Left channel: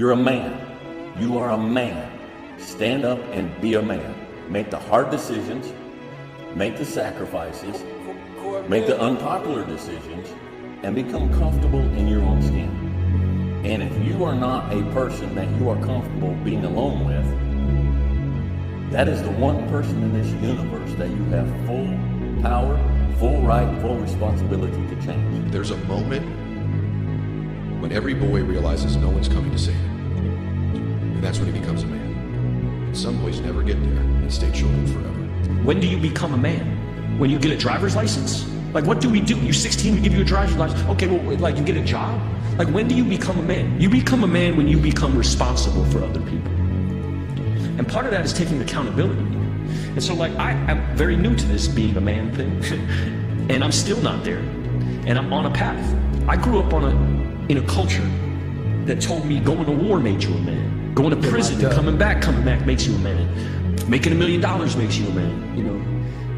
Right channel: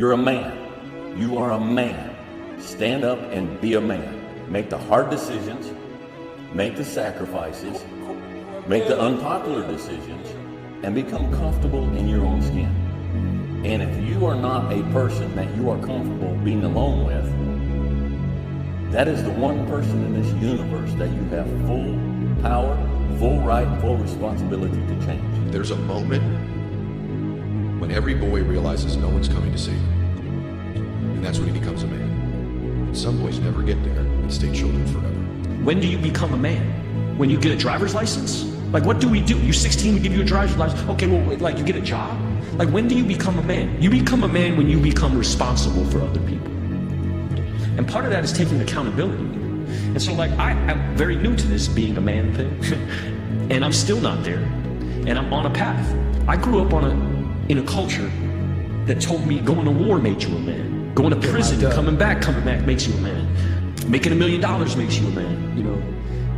You're a man. You are a man. Stand up and be a man. Make the hard decisions. Make the sacrifices. Make the unpopular decisions. And become comfortable in your own skin. And if you are not a person that you are comfortable being alone with, that is the one person in this universe that you have full power, full right, full responsibility to change. There's a moment when every boy realizes no one's coming to save him. And that's when he becomes a man. Some boys never get there and stay children forever. When do you become a man? When you get a driver's license? Like, what do we do? You're 16, we give you a driver's license. Okay, well, like, you get a job? Like, when do you become a man? You become a man when you become responsible for other people. And part of that is taking accountability. And so, like, I'm very new to this being a man thing. And I'm still not there. And I'm on a path. I grew up in a culture that told me going to war made you a man. Going to prison, coming back makes you a man. Making $1 million makes you a man, you know?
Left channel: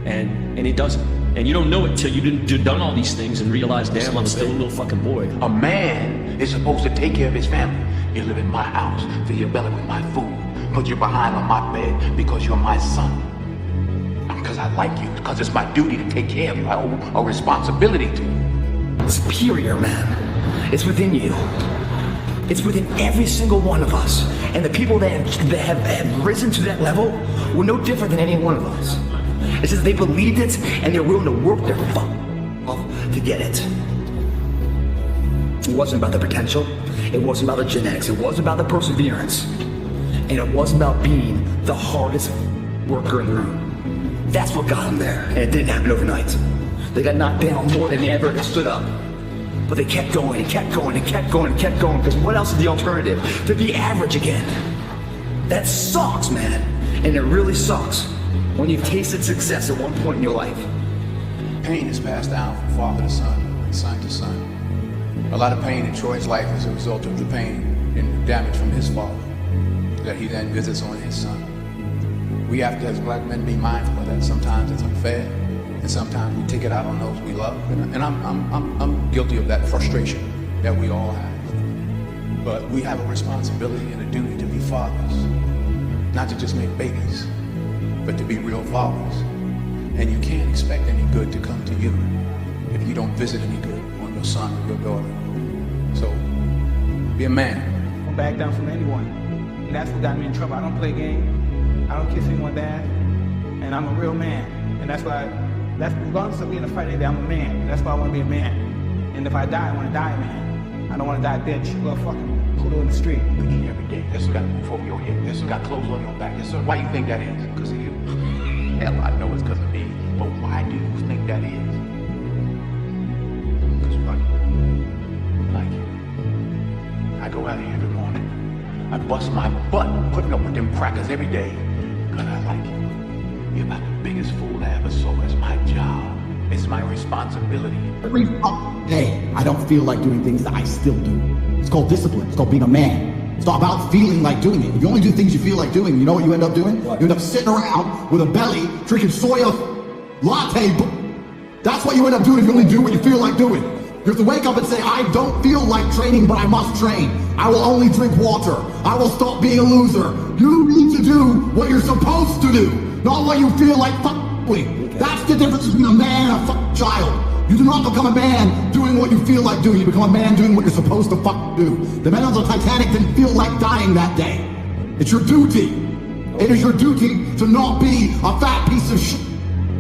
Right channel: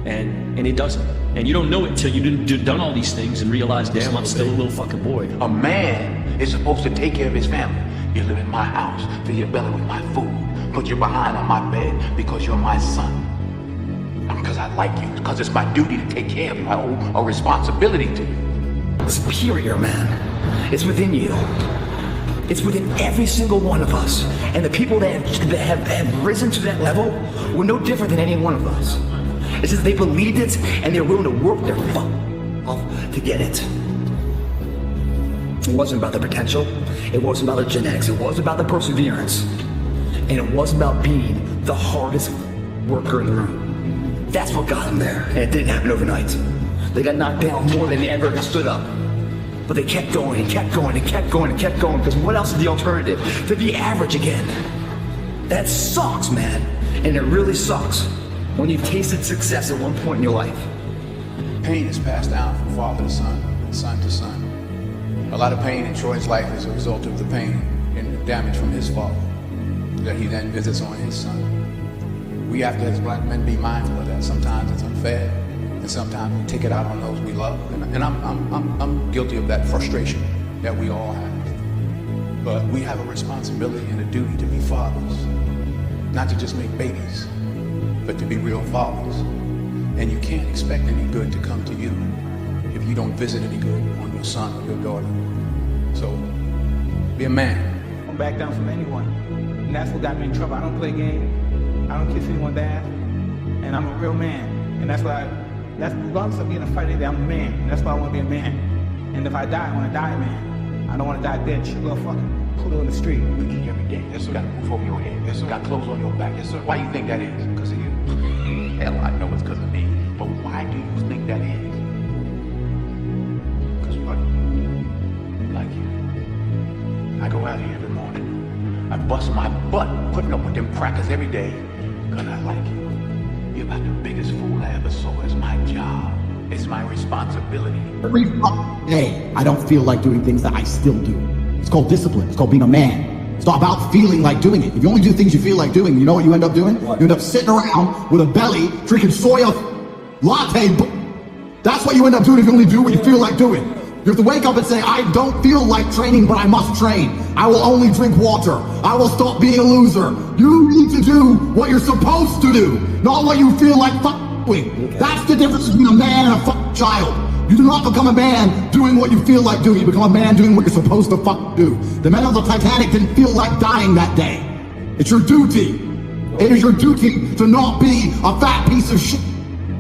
And it doesn't. And you don't know it till you've done all these things and realize, damn, I'm still a little fucking boy. A man is supposed to take care of his family. You live in my house, fill your belly with my food, put you behind on my bed because you're my son. Not because I like you, because it's my duty to take care of you. I owe a responsibility to you. Superior, man. It's within you. It's within every single one of us. And the people that have risen to that level were no different than any one of us. It's just they believed it and they're willing to work their fuck off to get it. It wasn't about the potential. It wasn't about the genetics. It wasn't about the perseverance. And it wasn't about being the hardest worker in the room. That's what got them there. And it didn't happen overnight. They got knocked down more than they ever stood up. But they kept going and kept going and kept going and kept going, because what else is the alternative? To be average again. That sucks, man. And it really sucks when you've tasted success at one point in your life. Pain is passed down from father to son, son to son. A lot of pain in Troy's life is a result of the pain and damage from his father that he then visits on his son. We have to, as black men, be mindful of that. Sometimes it's unfair, and sometimes we take it out on those we love. And I'm guilty of that frustration that we all have. But we have a responsibility and a duty to be fathers, not to just make babies, but to be real fathers. And you can't expect any good to come to you if you don't visit any good on your son or your daughter. So, be a man. Don't back down from anyone. And that's what got me in trouble. I don't play games. I don't kiss anyone bad. And I'm a real man. And that's why, regardless of being a fighter, I'm a man. And that's why I want to be a man. And if I die, I want to die a man. I don't want to die bitch. Well, fucking put in the street. You eat every day. That's what got a roof over your head. That's what got clothes on your back. Yes, sir. Why you think that is? Because of you. Hell, I know it's because of me. But why do you think that is? Because what? Like you. I go out here every morning. I bust my butt putting up with them crackers every day. Because I like you. You're about the biggest fool I ever saw. It's my job. It's my responsibility. Every fucking day, I don't feel like doing things that I still do. It's called discipline. It's called being a man. It's not about feeling like doing it. If you only do things you feel like doing, you know what you end up doing? You end up sitting around with a belly, drinking soya latte. That's what you end up doing if you only do what you feel like doing. You have to wake up and say, I don't feel like training, but I must train. I will only drink water. I will stop being a loser. You need to do what you're supposed to do, not what you feel like doing. That's the difference between a man and a child. You do not become a man doing what you feel like doing. You become a man doing what you're supposed to do. The men of the Titanic didn't feel like dying that day. It's your duty. It is your duty to not be a fat piece of shit.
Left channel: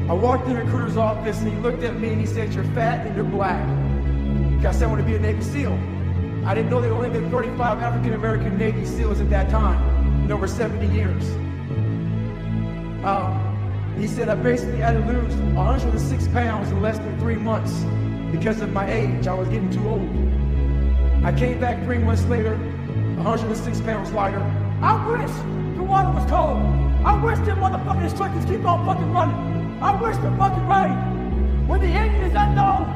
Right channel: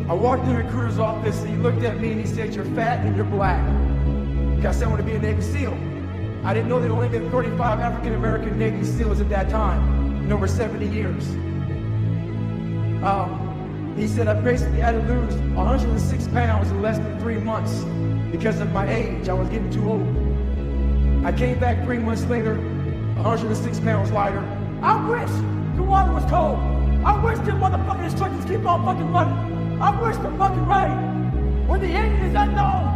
I walked in a recruiter's office and he looked at me and he said, you're fat and you're black. I said I want to be a Navy SEAL. I didn't know there were only 35 African-American Navy SEALs at that time in over 70 years. He said I basically had to lose 106 pounds in less than 3 months because of my age. I was getting too old. I came back 3 months later, 106 pounds lighter. I wish the water was cold. I wish the motherfucking instructors keep on fucking running. I wish they're fucking running. When the end is unknown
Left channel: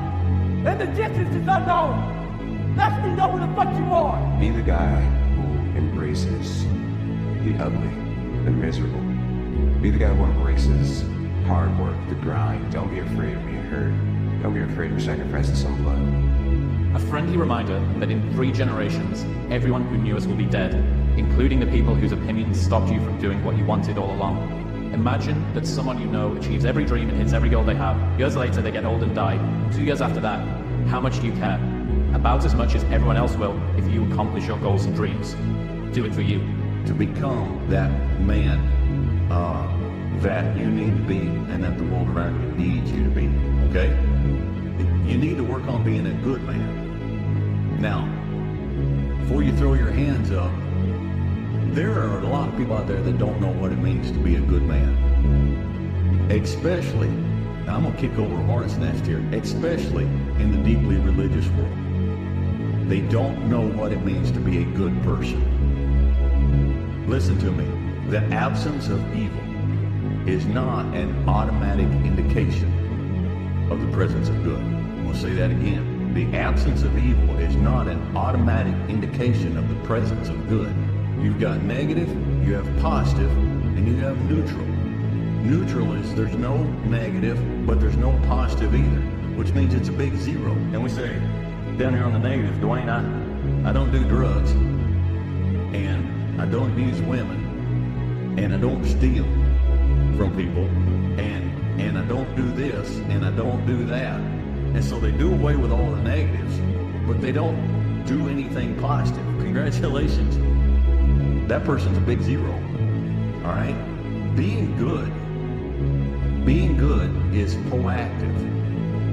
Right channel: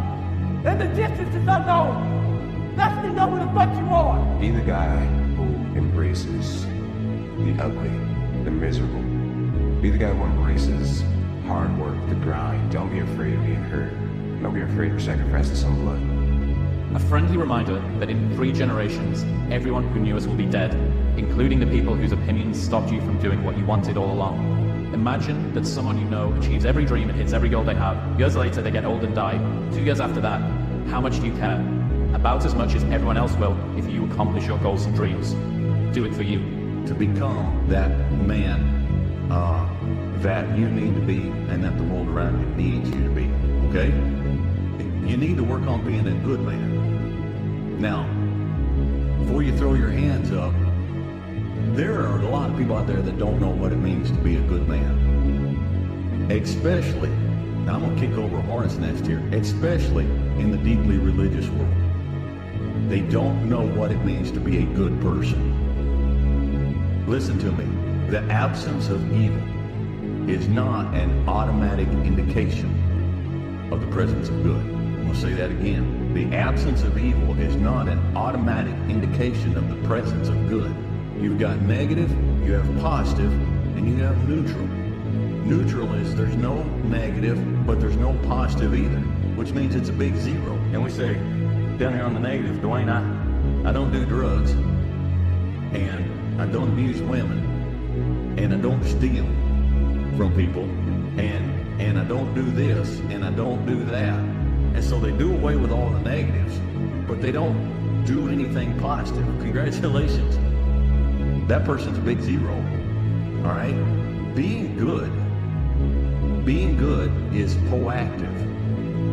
and the distance is unknown, let me know where the fuck you are. Be the guy who embraces the ugly, the miserable. Be the guy who embraces hard work, the grind. Don't be afraid of being hurt. Don't be afraid of sacrificing some blood. A friendly reminder that in 3 generations, everyone who knew us will be dead, including the people whose opinions stopped you from doing what you wanted all along. Imagine that someone you know achieves every dream and hits every goal they have. Years later, they get old and die. 2 years after that, how much do you care? About as much as everyone else will if you accomplish your goals and dreams. Do it for you. To become that man that you need to be and that the world around you needs you to be, okay? You need to work on being a good man. Now, before you throw your hands up, there are a lot of people out there that don't know what it means to be a good man. Especially, now I'm gonna kick over a hornet's nest here, especially in the deeply religious world. They don't know what it means to be a good person. Listen to me, the absence of evil is not an automatic indication of the presence of good. I'll say that again. The absence of evil is not an automatic indication of the presence of good. You've got negative, you have positive, and you have neutral. Neutral is there's no negative, but there's no positive either, which means it's a big zero. And we say, down here on the negative, Dwayne, I don't do drugs, and I don't abuse women, and I don't steal from people, and I don't do this, and I don't do that. And so they do away with all the negatives, but they don't do anything positive. Congratulations. That person's a big zero. All right? Being good is proactive.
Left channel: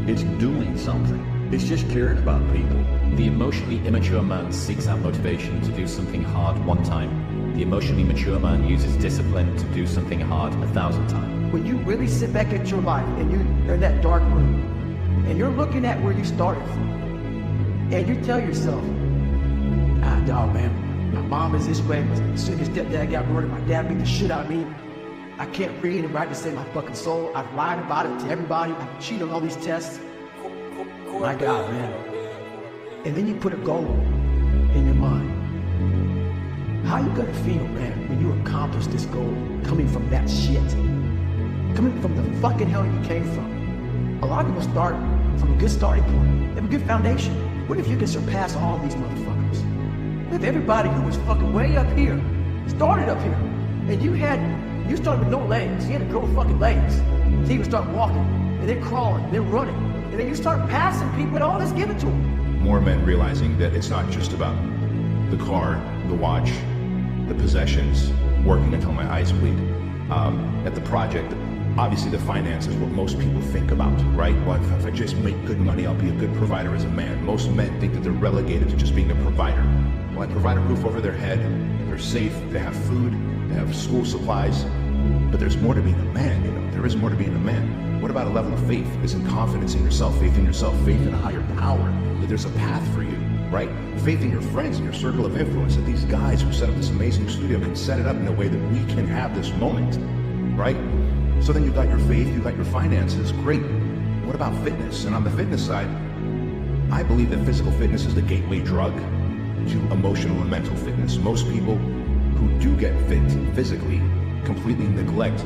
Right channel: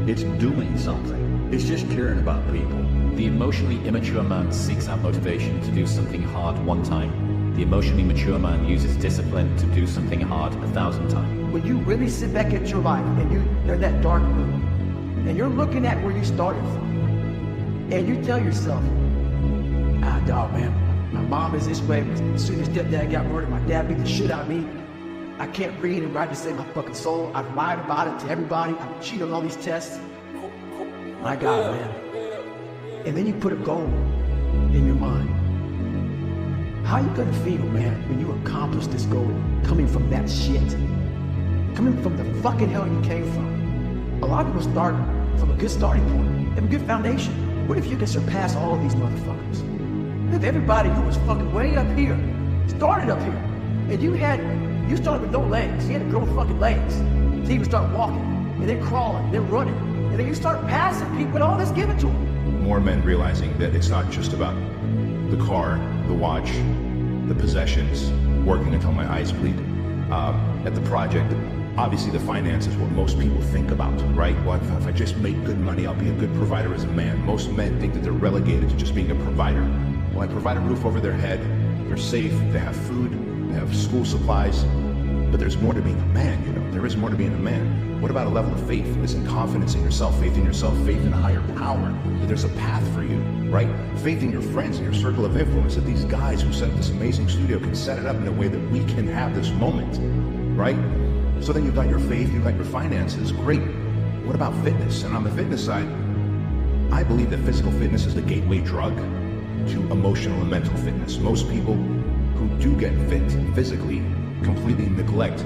It's doing something. It's just caring about people. The emotionally immature man seeks out motivation to do something hard one time. The emotionally mature man uses discipline to do something hard 1,000 times. When you really sit back at your life and you're in that dark room and you're looking at where you started from and you tell yourself, dog, man, my mom is this way, my stepdad got murdered, my dad beat the shit out of me. I can't read and write to save my fucking soul. I've lied about it to everybody. I've cheated on all these tests. My God, man. And then you put a goal in your mind. How are you gonna feel, man, when you accomplish this goal coming from that shit? Coming from the fucking hell you came from. A lot of people start from a good starting point. They have a good foundation. What if you can surpass all these motherfuckers? What if everybody who was fucking way up here started up here, and you started with no legs. You had to grow fucking legs. So you would start walking, and then crawling, and then running, and then you start passing people, and all that's given to them. More men realizing that it's not just about the car, the watch, the possessions, working until my eyes bleed. At the project, obviously the finance is what most people think about, right? Well, if I just make good money, I'll be a good provider as a man. Most men think that they're relegated to just being a provider. Well, I provide a roof over their head, they're safe, they have food, they have school supplies, but there's more to being a man, you know? There is more to being a man. What about a level of faith? It's in confidence in yourself, faith in a higher power, that there's a path for you, right? Faith in your friends, in your circle of influence, that these guys who set up this amazing studio can set it up in a way that we can have this moment, right? So then you've got your faith, you've got your finances, great. What about fitness? And on the fitness side, I believe that physical fitness is the gateway drug to emotional and mental fitness. Most people who do get fit physically completely neglect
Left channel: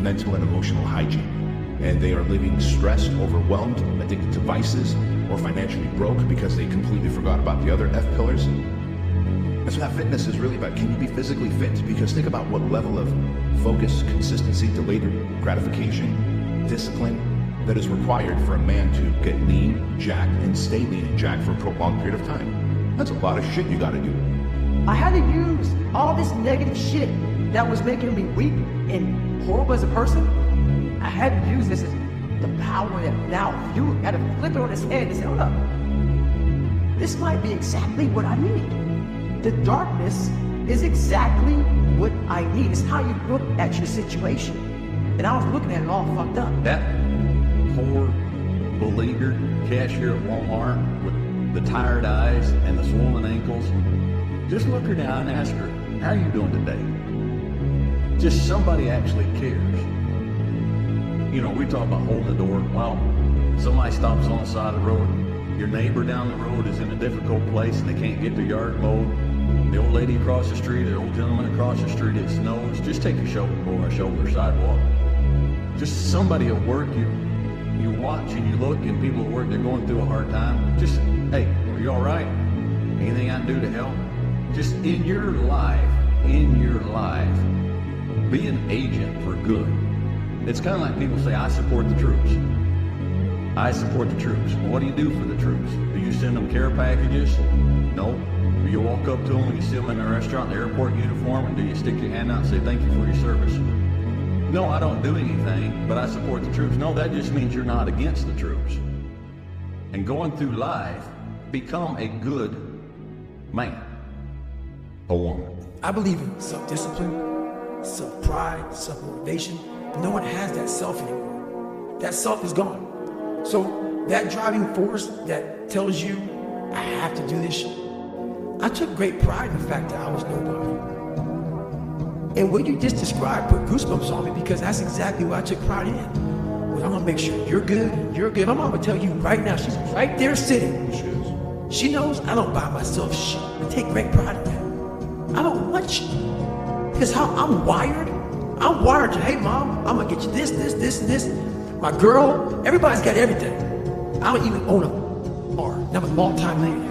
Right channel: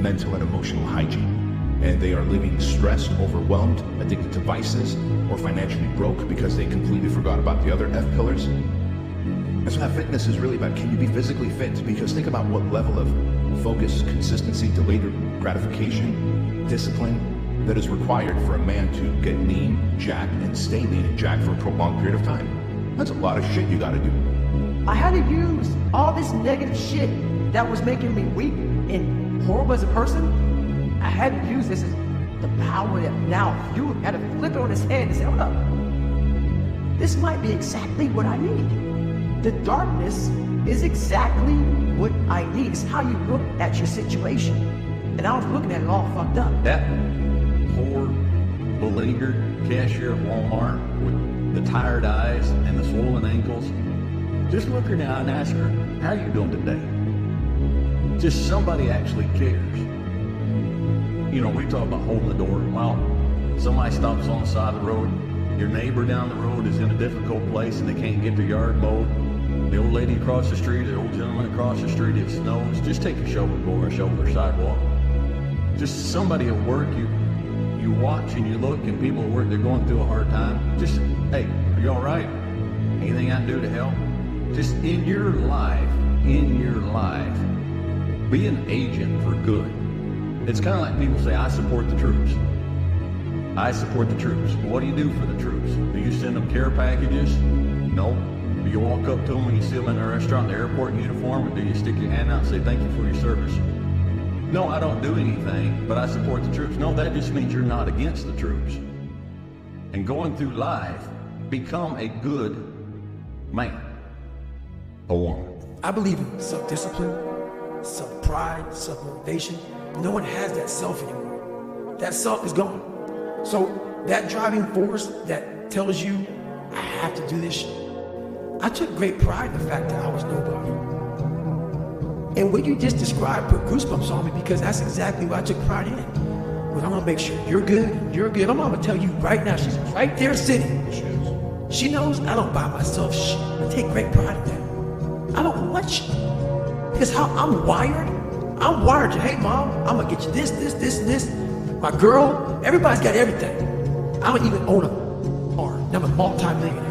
mental and emotional hygiene. And they are living stressed, overwhelmed, addicted to vices, or financially broke because they completely forgot about the other F pillars. That's what fitness is really about. Can you be physically fit? Because think about what level of focus, consistency, delayed gratification, discipline that is required for a man to get lean, jacked, and stay lean and jacked for a prolonged period of time. That's a lot of shit you gotta do. I had to use all this negative shit that was making me weak and horrible as a person. I had to use this as the power that now you had to flip it on his head and say, hold up, this might be exactly what I need. The darkness is exactly what I need. It's how you look at your situation. And I was looking at it all fucked up. That poor, beleaguered cashier at Walmart with the tired eyes and the swollen ankles, just look her down and ask her, how are you doing today? Just somebody actually cares. You know, we talk about holding the door. Wow, somebody stops on the side of the road. Your neighbor down the road is in a difficult place and they can't get their yard mowed. The old lady across the street, the old gentleman across the street, it snows. Just take a shovel and go on a shoulder sidewalk. Just somebody at work, you you watch and you look and people where they're going through a hard time, just, hey, are you all right? Anything I can do to help? Just in your life, be an agent for good. It's kind of like people say, I support the troops. I support the troops. What do you do for the troops? Do you send them care packages? No. Do you walk up to them when you see them in the restaurant, the airport uniform, and do you stick your hand out and say, thank you for your service? No, I don't do anything, but I support the troops. No, that just means you're not against the troops. And going through life, become a good man or woman. I believe in self-discipline, self-pride, self-motivation. No one has that self anymore. That self is gone. So that driving force that tells you, I have to do this shit. I took great pride in the fact that I was nobody. And what you just described put goosebumps on me because that's exactly what I took pride in. Well, I'm gonna make sure you're good. I'm gonna tell you right now, she's right there sitting. She is. She knows I don't buy myself shit. I take great pride in that. I don't want shit. Because how I'm wired to, hey mom, I'm gonna get you this. My girl, everybody's got everything. I don't even own a car. I'm a multi-millionaire.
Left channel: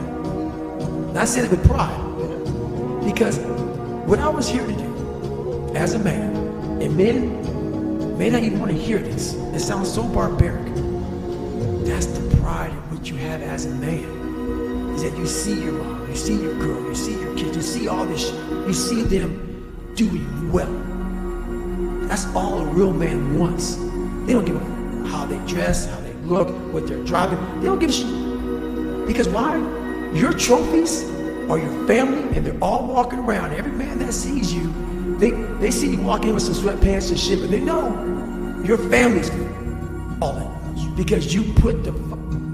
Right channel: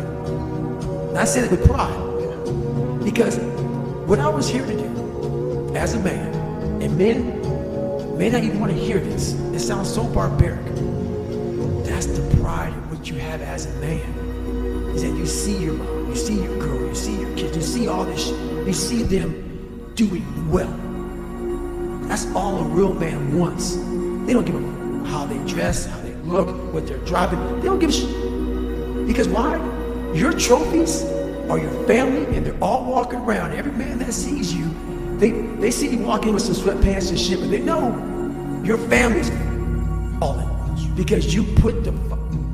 And I said it with pride. Because what I was here to do as a man, and men may not even want to hear this. It sounds so barbaric. That's the pride of what you have as a man. Is that you see your mom, you see your girl, you see your kids, you see all this shit. You see them doing well. That's all a real man wants. They don't give a how they dress, how they look, what they're driving. They don't give a shit. Because why? Your trophies are your family, and they're all walking around. Every man that sees you, they see you walk in with some sweatpants and shit, but they know your family's all in. Because you put the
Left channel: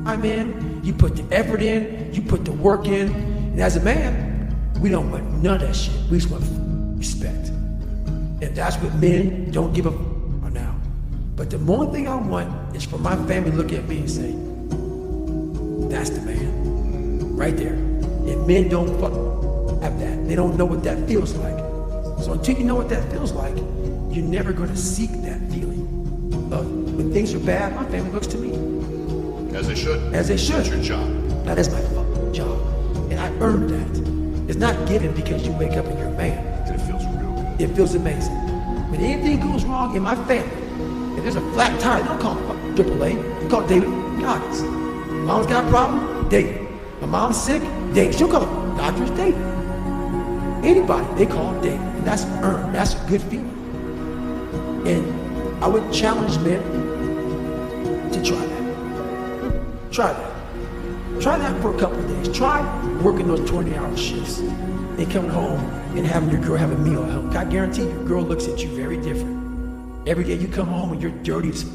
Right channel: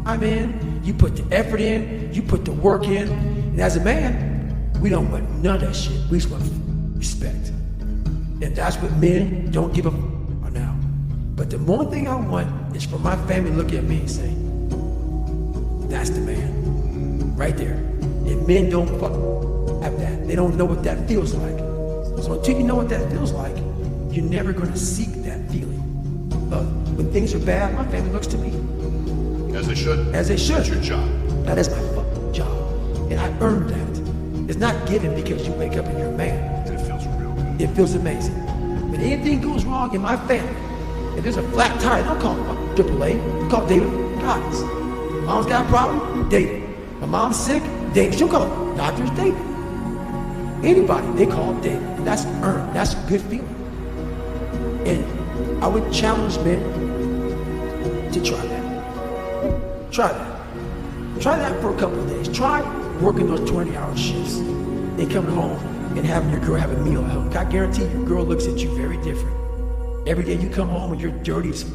time in, you put the effort in, you put the work in. And as a man, we don't want none of that shit. We just want respect. And that's what men don't give a now. But the one thing I want is for my family to look at me and say, that's the man. Right there. And men don't have that. They don't know what that feels like. So until you know what that feels like, you're never going to seek that feeling of when things are bad, my family looks to me. As they should. As they should. That's your job. That is my fucking job. And I earned that. It's not given because you wake up and you're a man. And it feels real good. It feels amazing. When anything goes wrong in my family, if there's a flat tire, they don't call 𝗏𝗶𝗹. They call David. Guys, mom's got a problem? David. My mom's sick? David. She'll call doctors, David. Anybody, they call David. And that's earned. That's a good feeling. And I would challenge men to try that. Try that. Try that for a couple of days. Try working those 20-hour shifts and coming home and having your girl have a meal at home. I guarantee your girl looks at you very different. Every day you come home and you're dirty as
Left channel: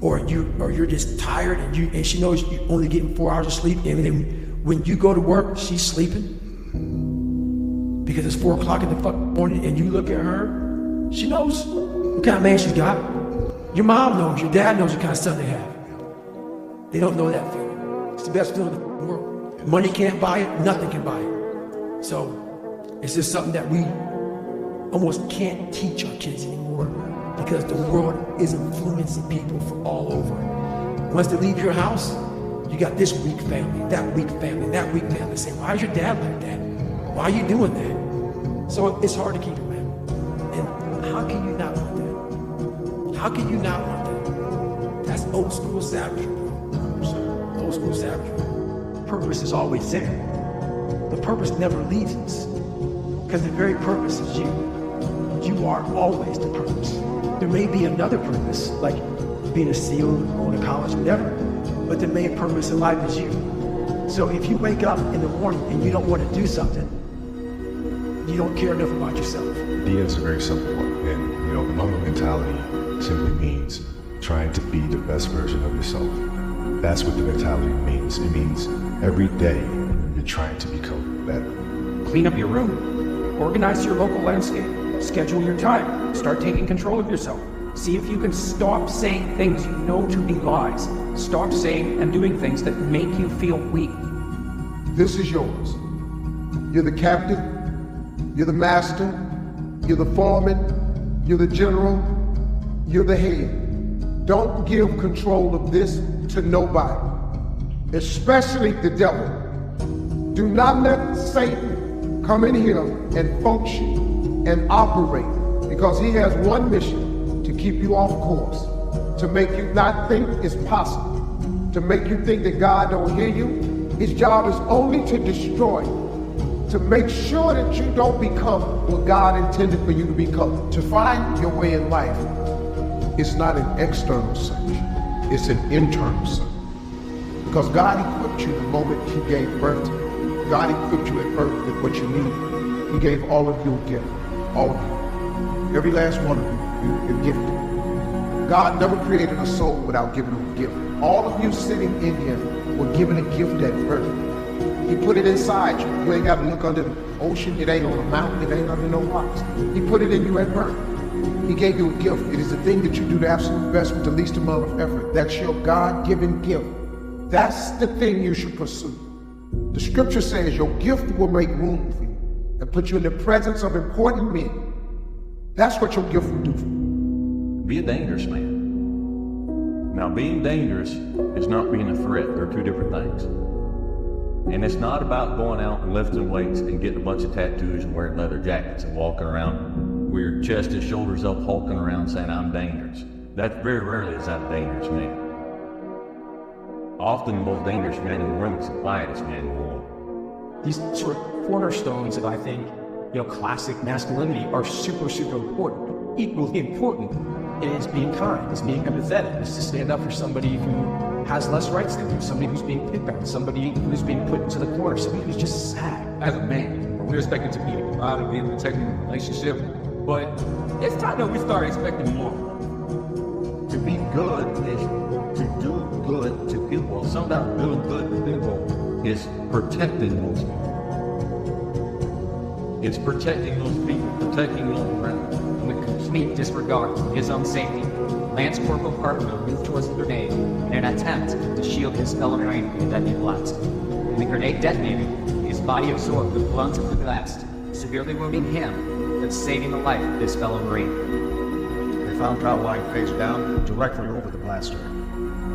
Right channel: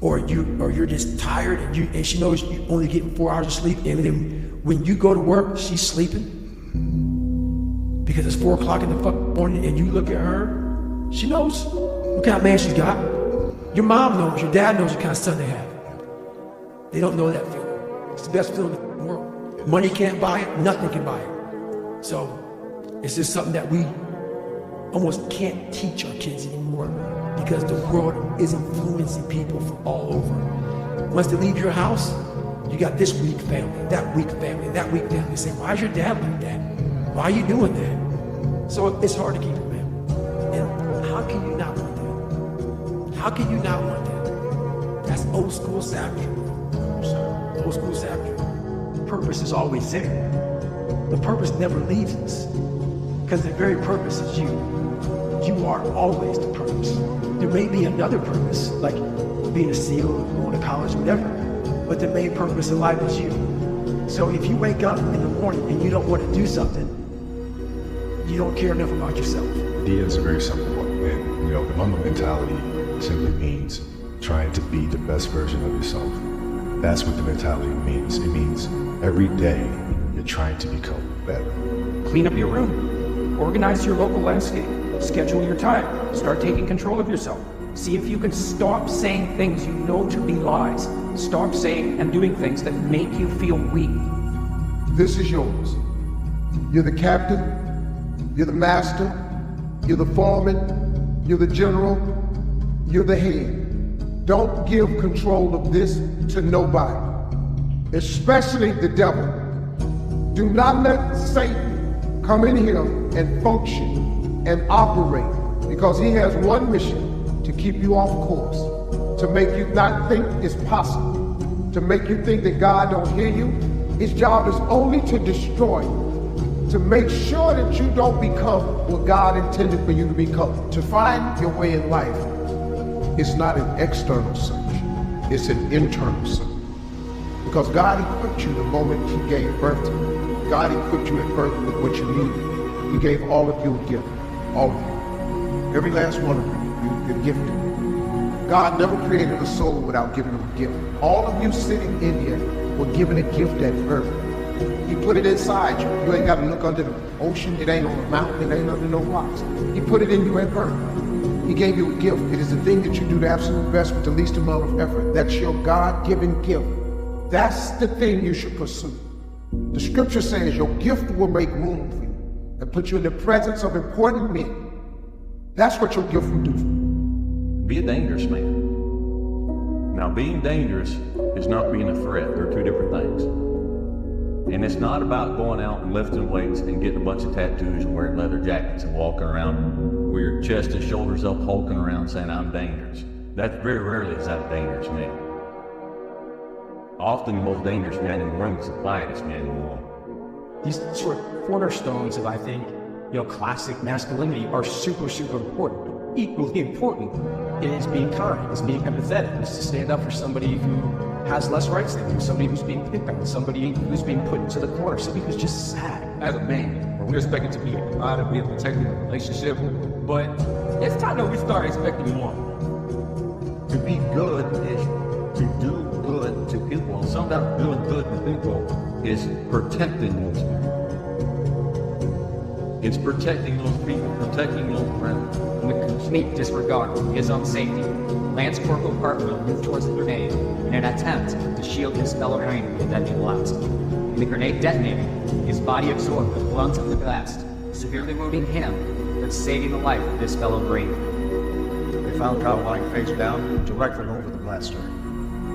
or you're just tired and she knows you're only getting 4 hours of sleep, and then when you go to work, she's sleeping because it's 4 o'clock in the fucking morning, and you look at her, she knows what kind of man she's got. Your mom knows, your dad knows what kind of son they have. They don't know that feeling. It's the best feeling in the world. Money can't buy it, nothing can buy it. So it's just something that we almost can't teach our kids anymore because the world is influencing people from all over. Once they leave your house, you got this weak family, that weak family, that weak family. Say, why is your dad like that? Why are you doing that? So it's hard to keep it, man. And how can you not want that? How can you not want that? That's old school savagery, bro. Old school savagery. Purpose is always there. The purpose never leaves us. Because the very purpose is you. You are always the purpose. There may be another purpose, like being a SEAL, going to college, whatever. But the main purpose in life is you. So if you wake up in the morning and you don't want to do something, you don't care enough about yourself. Dia is a very simple one. And, the 𝗏 mentality simply means trying to be the best version of yourself. That's what the mentality means. It means every day you're trying to become better. Clean up your room. Organize your local landscape. Schedule your time. Start taking control of yourself. See if you can stop saying things you know to be lies. Stop saying and doing things that make you feel weak. This is yours. You're the captain. You're the master. You're the foreman. You're the general. You're the head. Don't give control of this to nobody, especially the devil. Do not let Satan come in here and function and operate, because he has one mission: to keep you off course, to make you not think it's possible, to make you think that God don't hear you. His job is only to destroy you, to make sure that you don't become what God intended for you to become. To find your way in life, it's not an external search, it's an internal search. Because God equipped you the moment he gave birth to you. God equipped you at birth with what you needed. He gave all of you a gift, all of you. Every last one of you, you're gifted. God never created a soul without giving you a gift. All of you sitting in here were given a gift at birth. He put it inside you. You ain't got to look under the ocean. It ain't on a mountain. It ain't under no rocks. He put it in you at birth. He gave you a gift. It is the thing that you do the absolute best with the least amount of effort. That's your God-given gift. That's the thing you should pursue. The scripture says your gift will make room for you and put you in the presence of important men. That's what your gift will do for you. Be a dangerous man. Now, being dangerous is not being a threat. They're two different things. And it's not about going out and lifting weights and getting a bunch of tattoos and wearing leather jackets and walking around with your chest and shoulders up, hulking around saying, I'm dangerous. That very rarely is that a dangerous man. Often the most dangerous man in the room is the quietest man in the world. These sort of cornerstones of, I think, classic masculinity are super, super important. Equally important is being kind, is being empathetic, is to stand up for somebody who has less rights than you, somebody who's being picked on, somebody who's being put into the corner, somebody who's just sad. As a man, we're expected to be to be protecting the relationship, but it's time that we start expecting more. To be good is to do good to people. Sometimes doing good to people is protecting those people. It's protecting those people, protecting those friends. With complete disregard for his own safety, Lance Corporal Parkville moved towards the grenade in an attempt to shield his fellow Marine from the deadly blast. When the grenade detonated, his body absorbed the brunt of the blast, severely wounding him, but saving the life of his fellow Marine. They found Kyle lying face down directly over the blaster.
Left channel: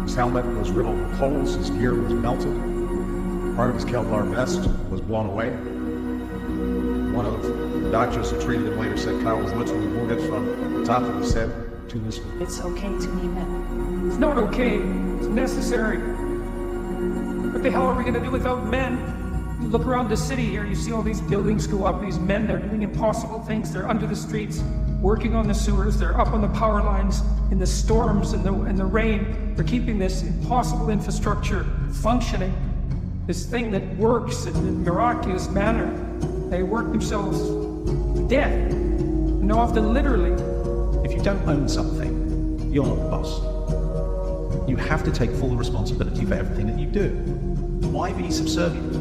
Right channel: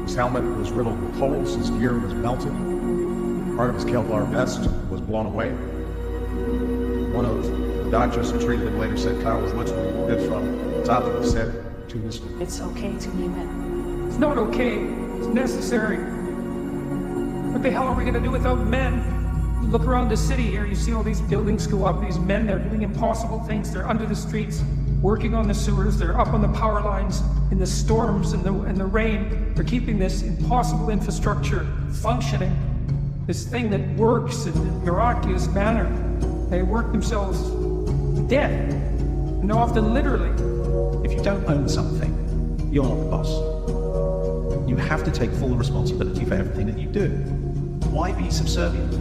His helmet was riddled with holes, his gear was melted, part of his Kevlar vest was blown away. One of the doctors who treated him later said Kyle was literally wounded from the top of his head to his feet. It's okay to be men. It's not okay. It's necessary. What the hell are we going to do without men? You look around the city here, you see all these buildings go up, these men, they're doing impossible things. They're under the streets, working on the sewers, they're up on the power lines, in the storms and the rain. They're keeping this impossible infrastructure functioning, this thing that works in a miraculous manner. They work themselves to death. And often literally. If you don't own something, you're not the boss. You have to take full responsibility for everything that you do. Why be subservient?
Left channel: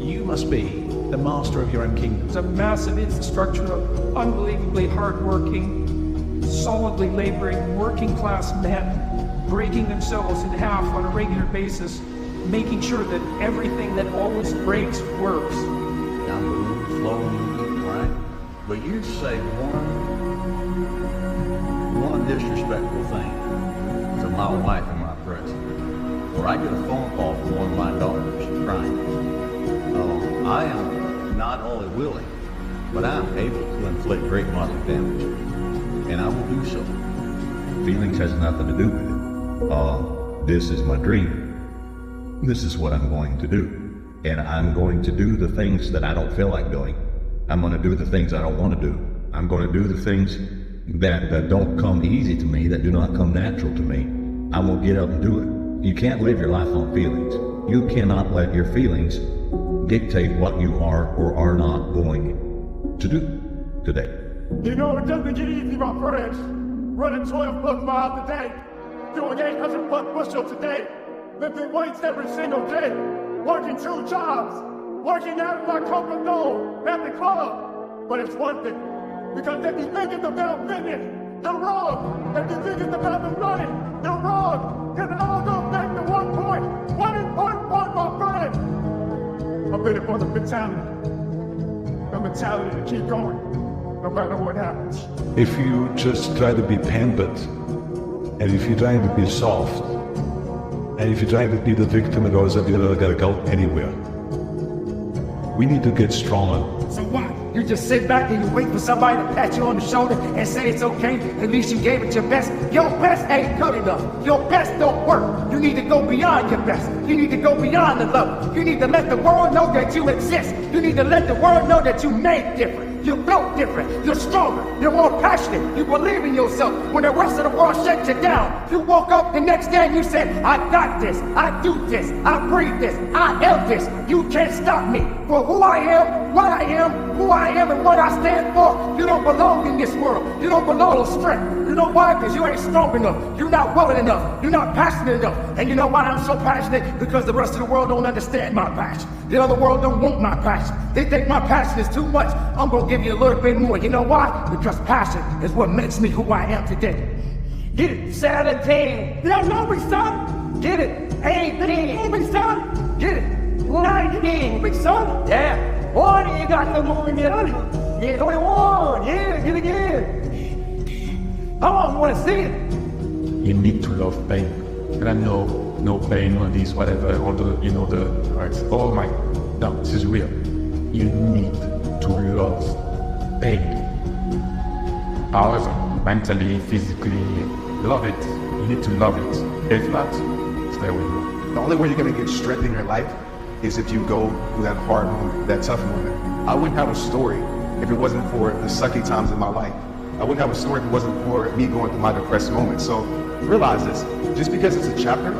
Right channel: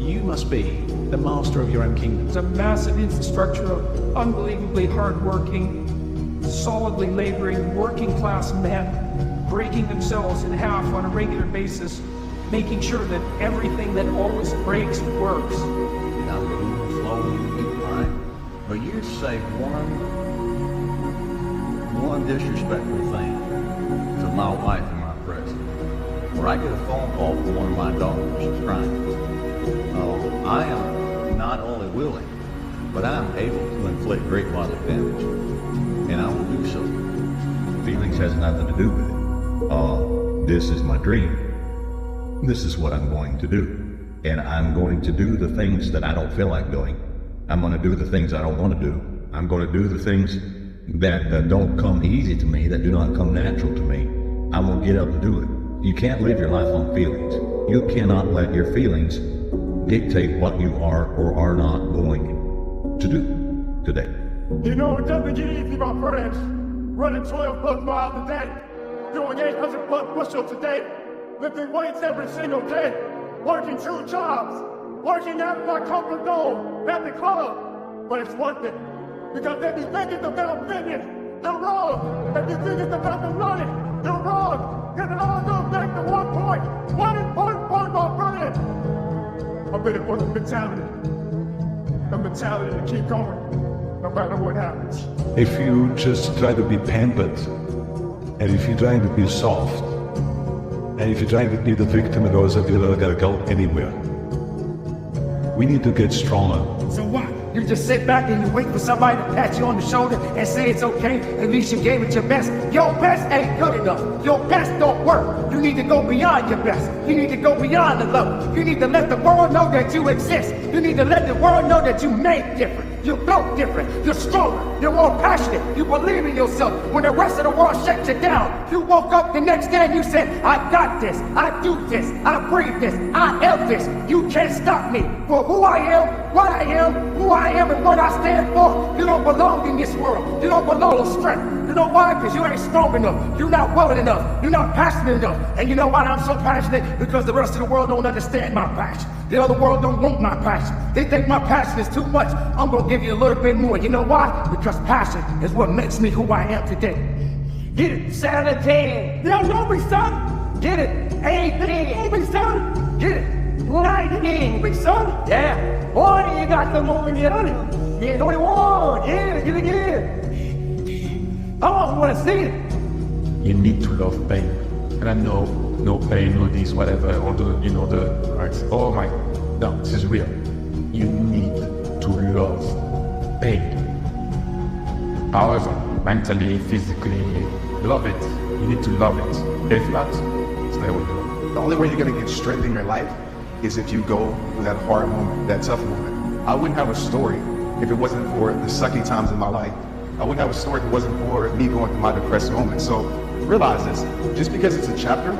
You must be the master of your own kingdom. It's a massive infrastructure of unbelievably hardworking, solidly laboring, working-class men breaking themselves in half on a regular basis, making sure that everything that always breaks works. Now move slowly, right? But you say one disrespectful thing to my wife and my president, where I get a phone call from one of my daughters crying. I am not only willing, but I am able to inflict great bodily damage, and I will do so. Feelings has nothing to do with it. This is my dream. This is what I'm going to do, and I'm going to do the things that I don't feel like doing. I'm going to do the things I don't want to do. I'm going to do the things that don't come easy to me, that do not come natural to me. I will get up and do it. You can't live your life on feelings. You cannot let your feelings dictate what you are or are not going to do today. You know, it doesn't get easy, my friends. Running 12+ miles a day, doing 800+ push-ups a day, lifting weights every single day, working 2 jobs, working out my comfort zone at the club. But it's worth it. Because if you think it's about fitness, you're wrong. If you think it's about the money, you're wrong. Because it all goes back to one important point, my friend. I'm in it for the mentality to keep going, no matter what happens. If you just try to be pampered, And if you try to be soft, and if you try to be the victim, it always you're not gonna go anywhere. We need to get stronger. So what? You just sit back and you wait for somebody to pat you on the shoulder and say it's okay, at least you gave it your best. Your best ain't good enough. Your best don't work. You need to go beyond your best. You need to go beyond the level. You need to let the world know that you exist. You need to let the world know that you made different. You're built different. You're stronger. You're more passionate. You believe in yourself. When the rest of the world shut you down, you woke up the next day and you said, I got this. I do this. I breathe this. I am this. You can't stop me. For who I am, what I am, who I am, and what I stand for. You don't belong in this world. You don't belong with strength. You know why? Because you ain't strong enough. You're not willing enough. You're not passionate enough. And you know why I'm so passionate? Because the rest of the world don't understand my passion. The other world don't want my passion. They think my passion is too much. I'm going to give you a little bit more. You know why? Because passion is what makes me who I am today. Get it? 17. You don't know me, son. Get it? 18. You know me, son. Get it? 19. Me, son. Yeah. 20, you got the moment, yeah. Yeah, 21. Yeah, get it, yeah. Oh, I want to see it. You need to love pain. And I know no pain or this, whatever, or the, you know, the, right? Oh my, no, this is real. You need to love pain. However, mentally, physically, love it. You need to love it. If not, stay with you. The only way you're going to get strength in your life is if you go through that hard moment, that tough moment. I wouldn't have a story if it wasn't for the sucky times in my life. I wouldn't have a story if it wasn't for me going through my depressed moments. So realize this, just because it's a chapter,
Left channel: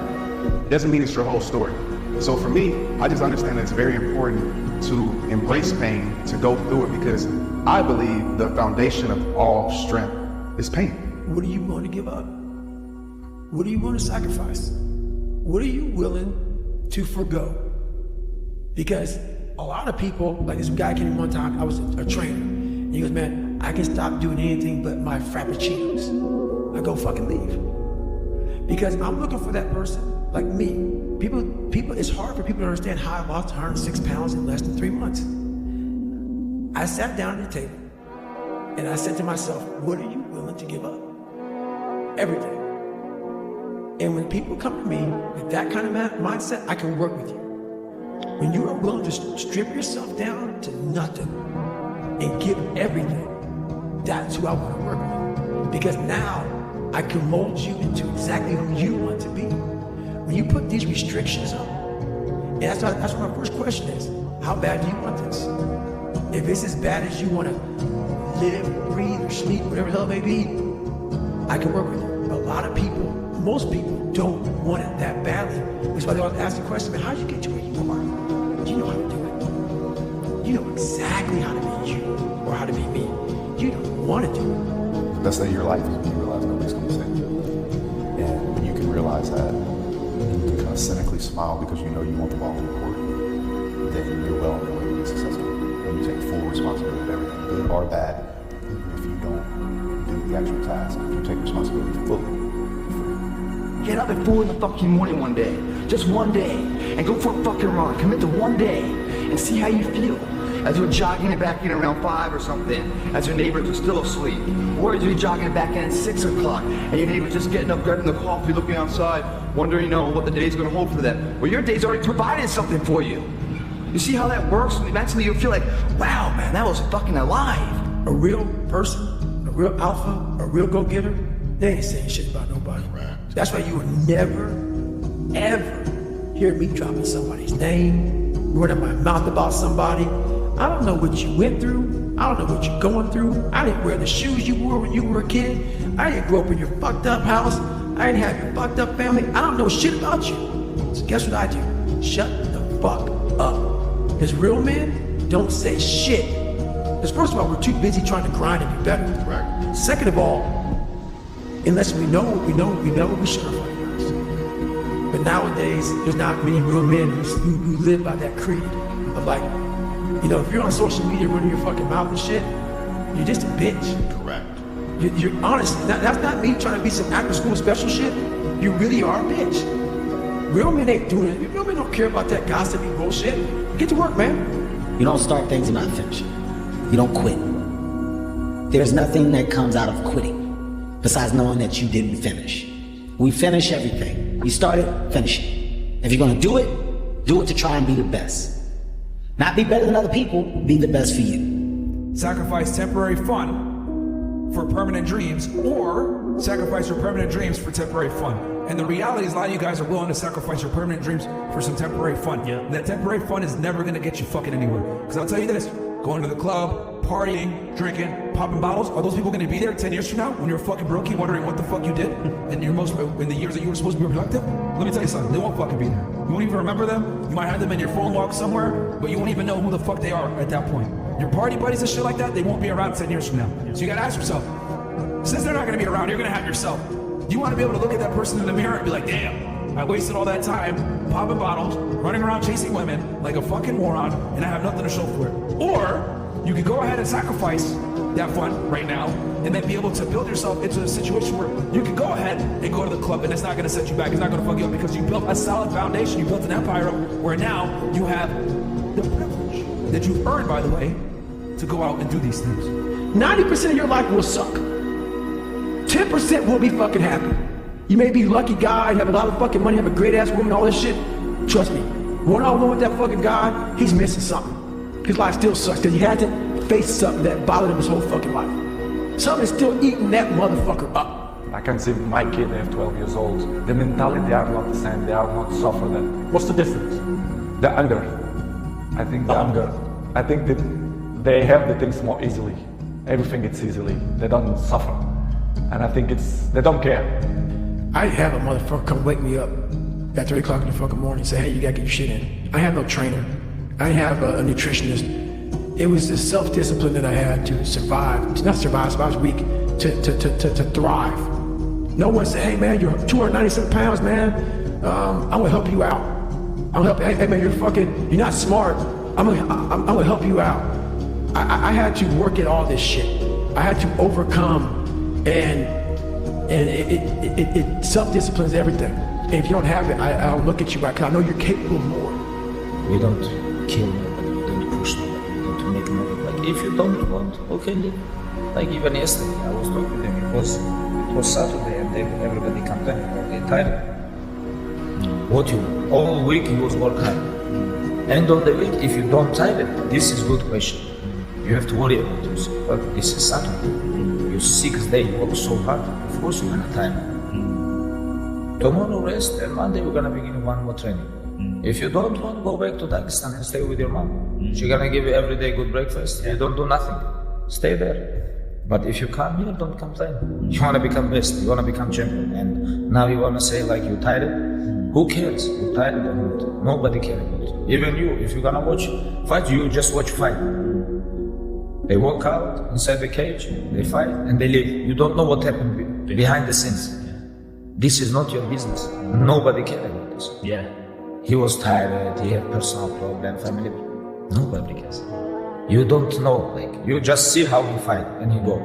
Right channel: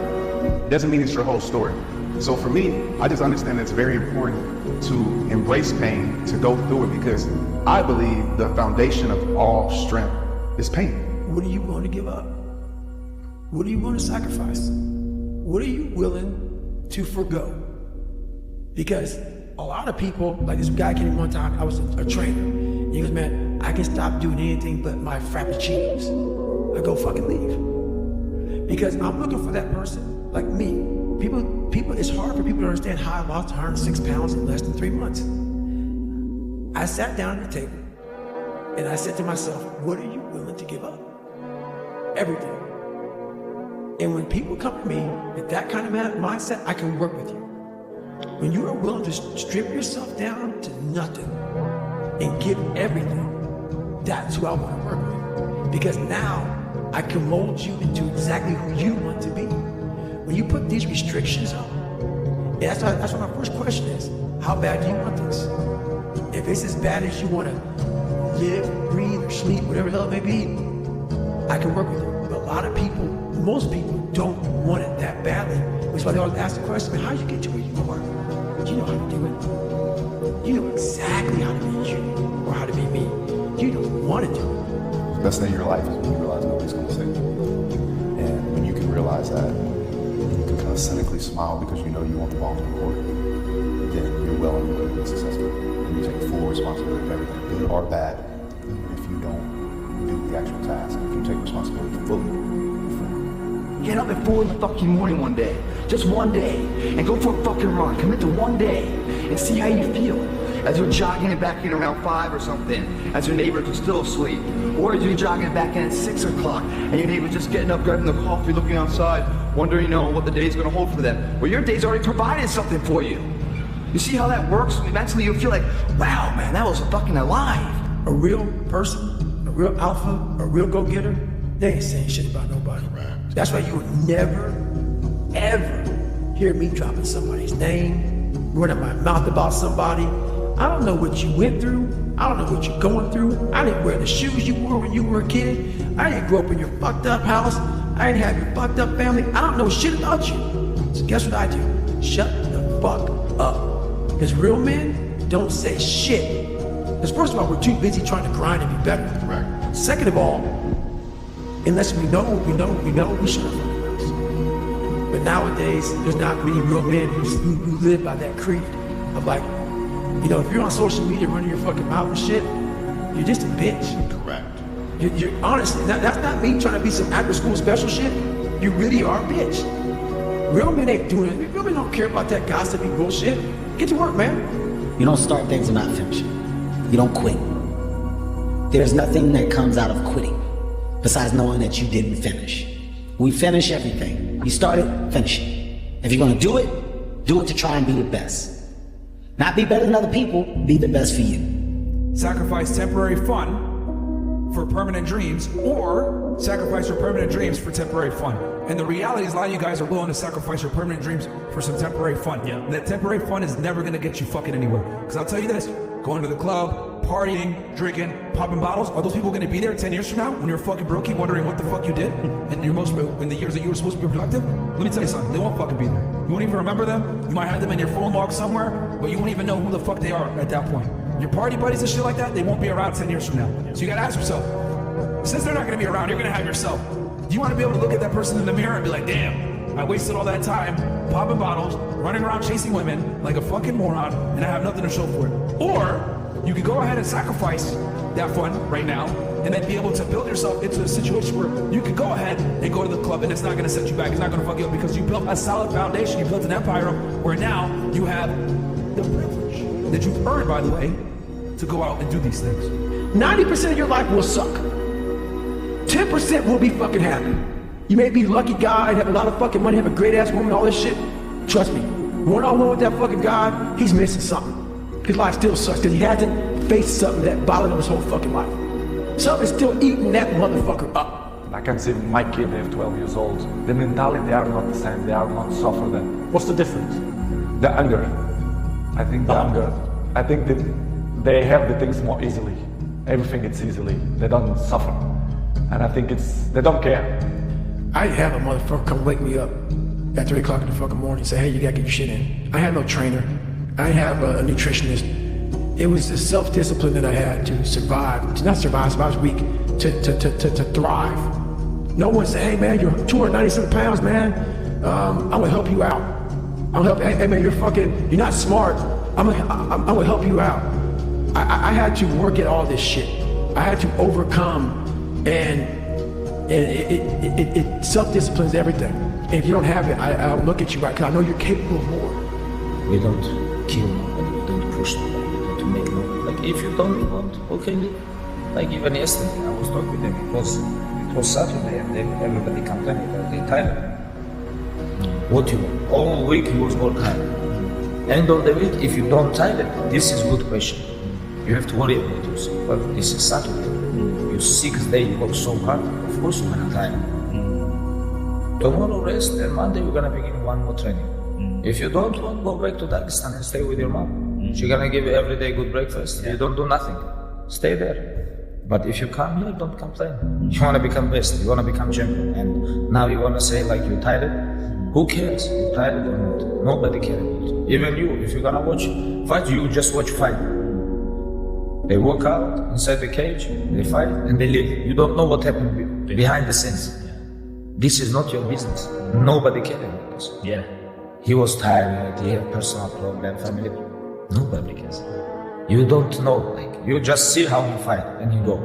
doesn't mean it's your whole story. So for me, I just understand that it's very important to embrace pain, to go through it, because I believe the foundation of all strength is pain. What are you willing to give up? What are you willing to sacrifice? What are you willing to forgo? Because a lot of people, like this guy came in one time, I was a trainer. And he goes, man, I can stop doing anything but my frappuccinos. I go fucking leave. Because I'm looking for that person like me. People, it's hard for people to understand how I lost 106 pounds in less than 3 months. I sat down at the table and I said to myself, what are you willing to give up? Everything. And when people come to me with that kind of mindset, I can work with you. When you are willing to strip yourself down to nothing and give everything, that's who I want to work with. Because now I can mold you into exactly who you want to be. When you put these restrictions up, and that's what my first question is, how bad do you want this? If it's as bad as you want to live, breathe, or sleep, whatever the hell it may be, I can work with you. But a lot of people, most people don't want it that badly. That's why they always ask the question, man, how did you get to where you are? Do you know how to do it? You know exactly how to be you, or how to be me. You don't want to do it. The best thing in your life is when you realize nobody's going to save you. And when you can realize that, and you can kind of cynically smile because you know you want the ball in the court, then you're well on your way to be successful. And you take full responsibility for everything, good or bad. If you don't do the actual task, if you take responsibility fully, get up at 4 in the fucking morning one day, just one day, and go for a fucking run. Commit to one day and see how you feel. As you're jogging back in around 5 or something, as your neighbors are still asleep. Or as you're jogging back in at 6 o'clock, and your neighbor's just getting up, grabbing the coffee, looking outside, wondering, you know, what the day's gonna hold for them. Well, your day's already provided something for you. You see how that works? And eventually you feel like, wow, man, that was fucking alive. A real person, a real alpha, a real go-getter, they ain't saying shit about nobody. Right. That's why you would never, ever hear me dropping somebody's name, running my mouth about somebody. I don't know what you went through. I don't know what you're going through. I didn't wear the shoes you wore when you were a kid. I didn't grow up in your fucked up house. I didn't have your fucked up family. I don't know shit about you. So guess what I do? Shut the fuck up. Because real men don't say shit. Because first of all, we're too busy trying to grind and be better. Right. Second of all, unless we know what we know, we should have words. But nowadays, there's not many real men who live by that creed of like, you know, if you're on social media running your fucking mouth and shit, you're just a bitch. Correct. You're honest. That's not me trying to be some after school special shit. You really are a bitch. Real men ain't doing it. Real men don't care about that gossipy bullshit. Get to work, man. You don't start things and not finish it. You don't quit. There's nothing that comes out of quitting besides knowing that you didn't finish. We finish everything. You start it, finish it. If you're gonna do it to try and be the best. Not be better than other people, be the best for you. Sacrifice temporary fun for permanent dreams, or sacrifice your permanent dreams for temporary fun. And the reality is a lot of you guys are willing to sacrifice your permanent dreams for some temporary fun. Yeah. That temporary fun is never gonna get you fucking anywhere. Because I'll tell you this, going to the club, partying, drinking, popping bottles, are those people gonna be there 10 years from now when you're fucking brokey wondering what the fuck you did in the years that you were supposed to be productive? Let me tell you something, they won't fucking be there. You won't even remember them. You might have them in your phone log somewhere, but you won't even know who the fuck they are at that point. Your party buddies and shit like that, they won't be around 10 years from now. So you gotta ask yourself, since they're not gonna be around, you're gonna have yourself. Do you wanna be able to look at that person in the mirror and be like, damn, I wasted all that time popping bottles, running around chasing women like a fucking moron, and I have nothing to show for it? Or you could go ahead and sacrifice that fun right now, and then be able to build yourself into a situation where you can go ahead and go to the club, and it's not gonna set you back, it's not gonna fuck you up, because you built a solid foundation, you built an empire where now you have the privilege that you've earned, by the way, to go out and do these things. 90% of your life will suck. 10% will be fucking happy. You may be a lucky guy, have a lot of fucking money, have a great ass woman, all this shit. Trust me, one on one with that fucking guy, he's missing something. His life still sucks, because he had to face something that bothered him his whole fucking life. Something's still eating that motherfucker up. I can see my kid, they're 12 years old. The mentality, they are not the same, they are not suffer them. What's the difference? The anger. I think I think that they have the things more easily. Everything it's easily. They don't suffer. And I think they don't care. I have a motherfucker come wake me up at 3 o'clock in the fucking morning and say, hey, you gotta get your shit in. I have no trainer. I have a nutritionist. It was the self-discipline that I had to survive. To not survive, I was weak. To thrive. No one said, hey man, you're 297 pounds, man. I'm gonna help you out. I'm gonna help, hey man, you're not smart. I'm gonna help you out. I had to work at all this shit. I had to overcome, and it self-disciplines everything. And if you don't have it, I'll look at you, because I know you're capable of more. We don't kill nobody, we don't push nobody, we don't make nobody. Like, if you don't want, okay, like even yesterday, I was talking with them, it was Saturday, and then everybody complained about they tired. What you want? All week you was work hard. End of the week, if you don't tired, this is good question. You have to worry about yourself. But this is Saturday. Your 6th day, you work so hard, of course you're gonna tire. Tomorrow rest, and Monday we're gonna begin one more training. If you don't want, go back to Dagestan and stay with your mom. She's gonna give you every day good breakfast. You don't do nothing. Stay there. But if you come here, don't complain. You wanna become best, you wanna become champion, and now you wanna say like you tired? Who cares? You tired or not? Nobody cares about you. Even you, if you're gonna watch fight, you just watch fight. They walk out inside the cage, they fight, and they leave. You don't know what happened behind the scenes. This is not your business. Nobody cares about this. Yeah. He was tired, he had personal problem, family. Nobody cares. You don't know, like, you just see how you fight and you go.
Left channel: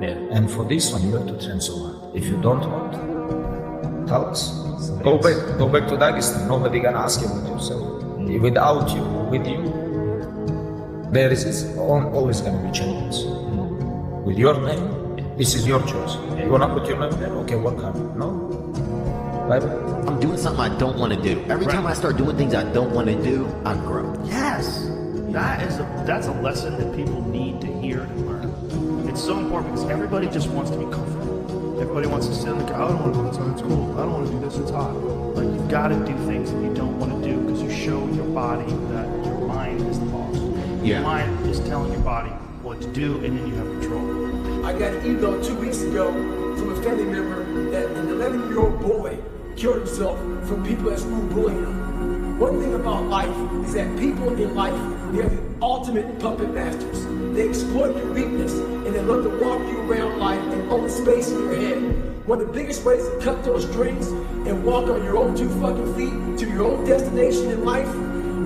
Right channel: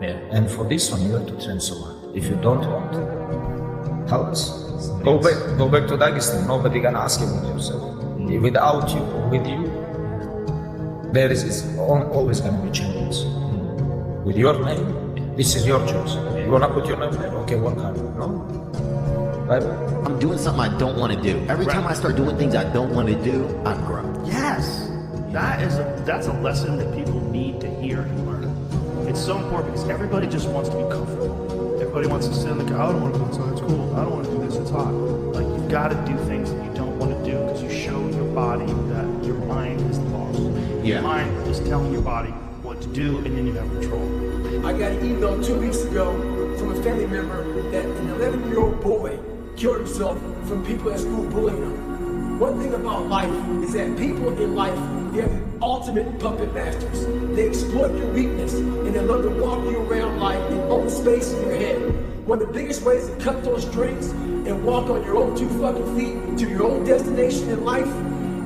Yeah. And for this one, you have to train so hard. If you don't want, tell us. Go back to Dagestan. Nobody gonna ask you about yourself. Without you, with you, there is always gonna be champions. With your name, this is your choice. You wanna put your name there? Okay, work hard. No? Bye-bye. I'm doing something I don't want to do. Every time I start doing things I don't want to do, I grow. Yes. That's a lesson that people need to hear and learn. It's so important because everybody just wants to be comfortable. Everybody wants to sit in the car. I don't want to go to it's cold. I don't want to do this, it's hot. Like, you've got to do things that you don't want to do because you show your body that your mind is the boss. Yeah. Your mind is telling your body what to do, and then you have control. I got an email 2 weeks ago from a family member that an 11-year-old boy killed himself from people at school bullying him. One thing about life is that people in life, they're the ultimate puppet masters. They exploit your weakness and they love to walk you around life and own space in your head. One of the biggest ways to cut those strings and walk on your own 2 fucking feet to your own destination in life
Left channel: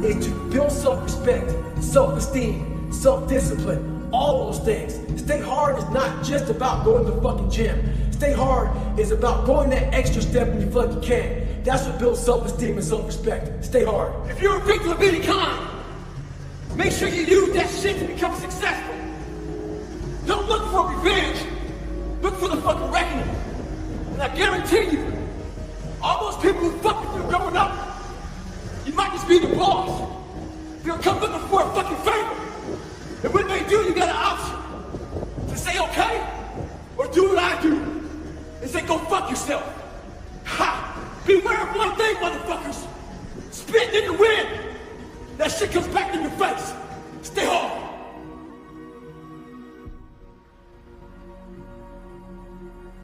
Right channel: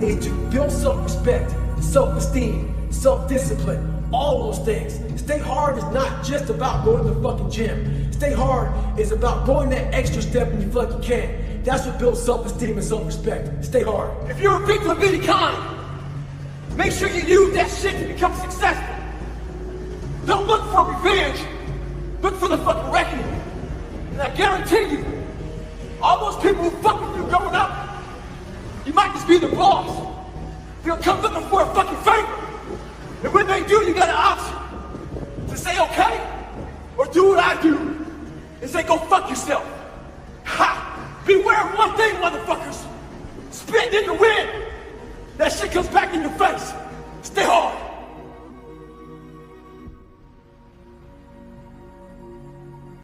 is to build self-respect, self-esteem, self-discipline, all those things. Stay hard is not just about going to the fucking gym. Stay hard is about going that extra step when you feel like you can't. That's what builds self-esteem and self-respect. Stay hard. If you're a victim of any kind, make sure you use that shit to become successful. Don't look for revenge. Look for the fucking reckoning. And I guarantee you, All those people who fuck with you growing up, you might just be the boss. They'll come looking for a fucking favor. And when they do, you got an option to say okay, or do what I do, and say go fuck yourself. Ha! Beware of one thing, motherfuckers. Spit in the wind. That shit comes back in your face. Stay hard.